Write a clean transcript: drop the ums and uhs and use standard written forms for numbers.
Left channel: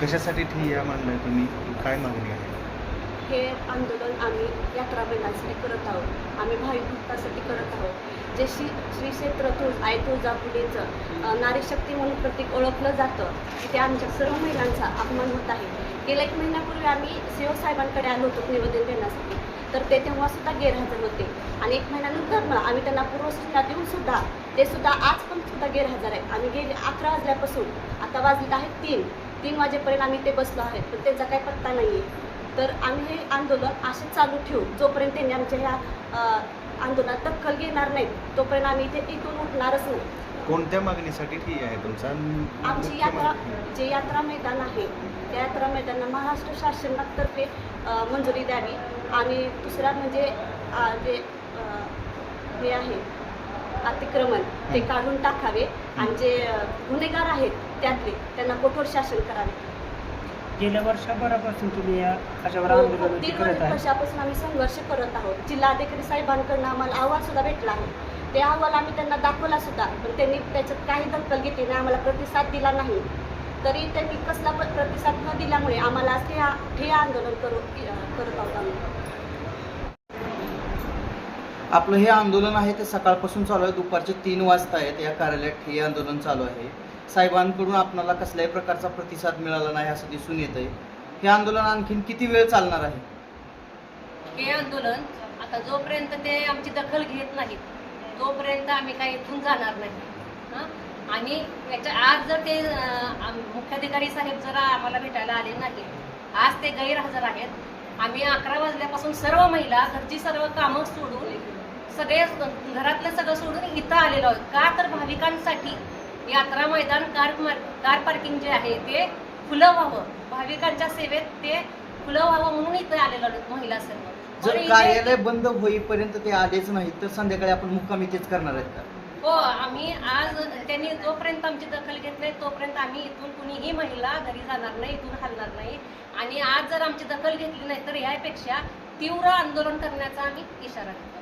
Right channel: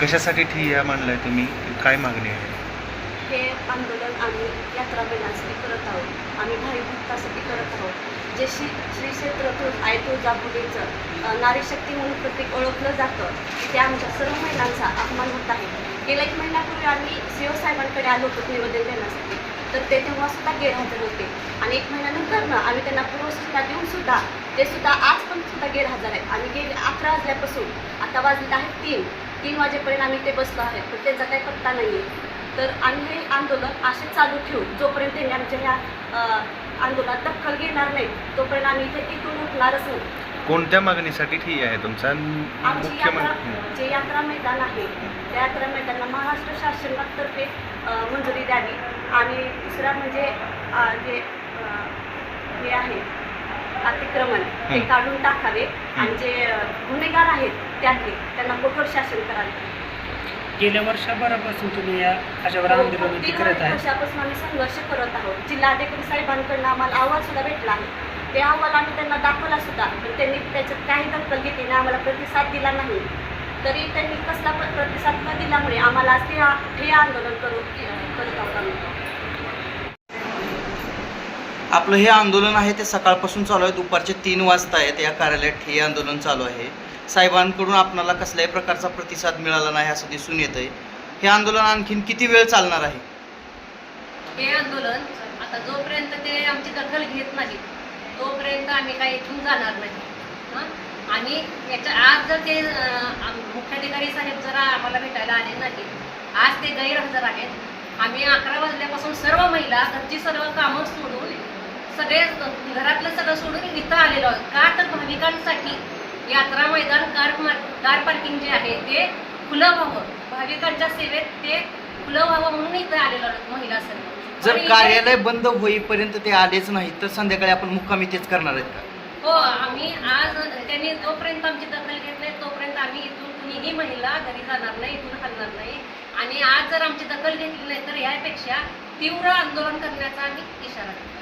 कशासाठी ठिय्या मांडलाय तुम्ही? काय मागणी आहे? हे आंदोलन आम्ही यात्रा महिलांसाठी करत आहोत. आम्ही भावी भक्तासाठी करत आहोत. जे श्री क्षेत्र आई तुळजाभवानीचं नारी शक्ती म्हणून प्रत्येक ओळखलं जातं, तिथे आमच्या सर्व महिलांचा अपमान होत आहे. गेल्या 1 महिन्यापूर्वी आम्ही सीओ साहेबांकडे आलो होतो निवेदन देण्यासाठी, तर ते तेव्हा सुद्धा गैरहजर होते. आणि 1 महिन्यानंतर आम्ही त्यांना पूर्वसूचना देऊन सुद्धा ते सुद्धा आज पण सुद्धा गैरहजर आहेत. आणि गेली 11 वाजल्यापासून आता वाजलेलं आहे 3 वाजेपर्यंत आम्ही ते बसलो आहेत, पण त्यांचा काही पत्ता नाही आहे. तर आम्ही हे आंदोलन असे चालू ठेवू जोपर्यंत त्यांनी आमच्या ह्या आंदोलनात दखल घेणार नाही, तोपर्यंत आम्ही इथून उठणारच नाही. कोणत्या मागणीसाठी ठिय्या आहे तुमचा? आमची यात्रा जे यात्रा मैदान आहे त्या यात्रा मैदानाला महाराष्ट्र शासनातर्फे मंजुरी द्यावी. आणि दुसरा म्हणजे जे हे आहे अतिक्रमण ते काढून टाकावे आणि जे गुन्हेगार आहेत त्यांना कठोर शासन करावे. गेल्या वर्षभरापासून तुम्ही या कशावर आंदोलन करत आहे? वर्षापासून आम्ही संघर्ष करत आहोत. जिल्हाधिकारी साहेबांकडून आम्हाला अहवाल सुद्धा भेटला आहे. ते अहवाल आम्ही त्यांना दाखवला सुद्धा, पण त्यांनी त्याच्यात काही दखल घेतली नाही, आम्हाला प्रतिसाद दिला नाही. तरी त्यांनी कसला प्रतिसाद न दिल्यामुळे आम्हाला आज हे आंदोलन करत आहोत आम्ही. आपलं हे आंदोलन आहे ते सकाळपासून चालू आहे. दुपारचे 3 वाजता आहेत. या कार्यालयात हे आंदोलन चालू आहे. साहेबांकडून आपणाला कसल्याही प्रकारचा प्रतिसाद मिळाला नाही असं दिसून येत आहे. हे आंदोलन आणखीन किती वेळ चालणार आहे? हे आंदोलन आता जोपर्यंत ते आमची दखल घेत नाहीत तोपर्यंत आम्ही काही इथून जाणार नाही. आणि याच्या आज जर ते मुख्याधिकारी साहेब जरा आम्हाला भेटायला आले नाहीत, आज ते गैरहजर आहेत. आम्ही 11 वाजल्यापासून सर्व महिला घरची सर्व कामं सोडून सगळे घरातलं सगळं सोडून इथं आलेलो आहोत. का तर भाविकांसाठी यात्रा मैदान कार पार्किंग जे आहे ते खुलं व्हावं, भाविकांच्या सेवेत ते खुलं व्हावं म्हणून इथं आलेलो आहोत महिला सर्व. जर कार्यालय बंद होईपर्यंत ते आलेच नाही तर संध्याकाळी आपण मुक्कामी तेच करणार आहेत का? हो, आम्ही आज त्यांनी जोपर्यंत आमची दखल घेत नाही तोपर्यंत आम्ही इथून कुणीही महिला घरी जाणार नाही, इथून हलणार नाही. आणि आज जर आमची दखल घेतली नाही तर यापेक्षा तीव्र आंदोलन करण्याचा आम्ही इशारा देतो.